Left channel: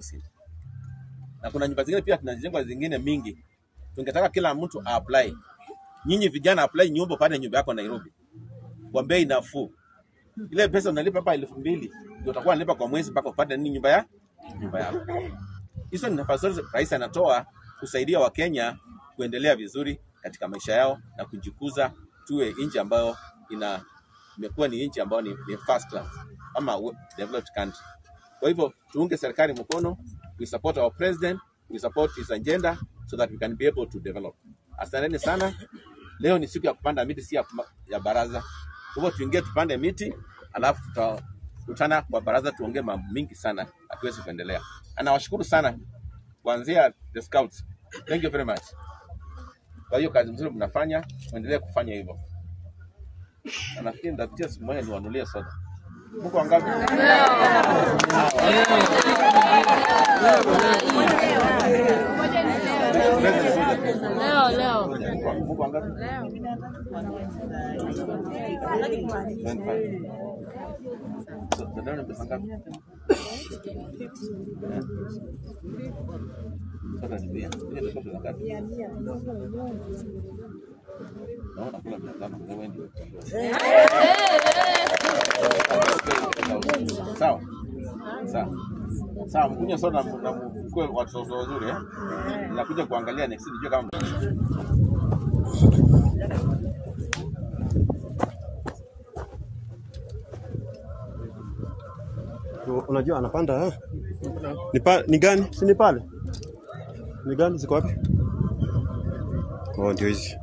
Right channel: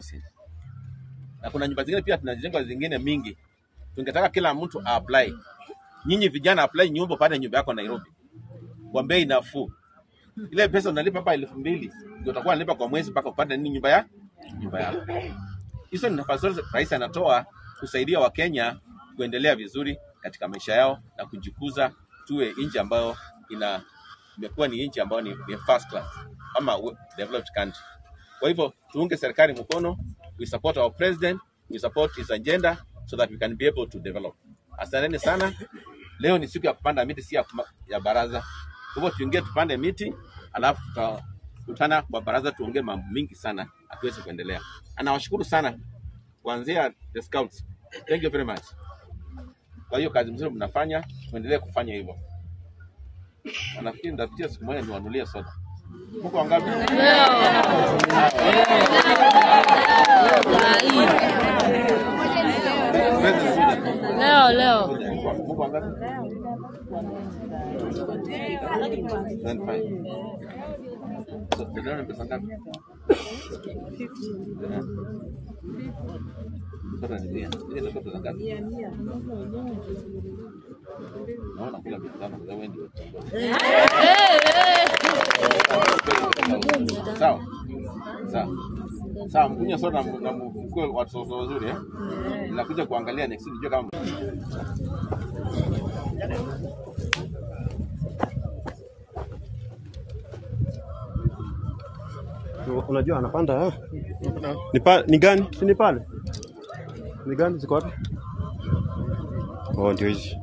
housing. Na kuna nyumba zingine pia tunajenga zingine mingi. Tungetaka kila mtu apply. Nyinyi vijana apply nyumba pale nyumba yako Nairobi. Kwa bei nafuu. Ile pesa unalipa hapa 2,000 ndio utakuwa unalipa kwa mwezi mpaka upate nini nyumba yako. Hizo ni nafasi rais anatoa kusaidia Wakenya kuendelea vizuri katika maisha yao na kujikuza, tuwe nchi ambayo imekuwa ni nchi ambayo ni first class ama developed country. Kwa hivyo tuunge serikali mkono, we support our president, we support his agenda so that we can be able to develop. Asanteni sana. Leo ni siku ya kupanda miti, si ya baraza. Kwa hivyo tuingie tupande miti, alafu tutakutana kwa baraza tuongee mambo mingi sana hatuwezi kuendelea. Anawashukuru sana kuanzia the scouts. Thank you very much. Kwa hiyo kazi mzuri mnafanya, tuendelee kufanya hivyo. Nafikiri ndapitia siku moja niwanunulie soda. Mko wangapi? Leo. Mko wangapi? So, ndio pesa ngapi? Soda ni 100. Ile ndio pesa ngapi? Naona kula 500 kwa wewe ndio. Sawa, mkunywa soda na mkue watoto wazuri Nakuja kuangalia next nijue kama unajua anapanda ni gani? Si ni pale? Ni gani ziko wapi? Oh, ndio hizi.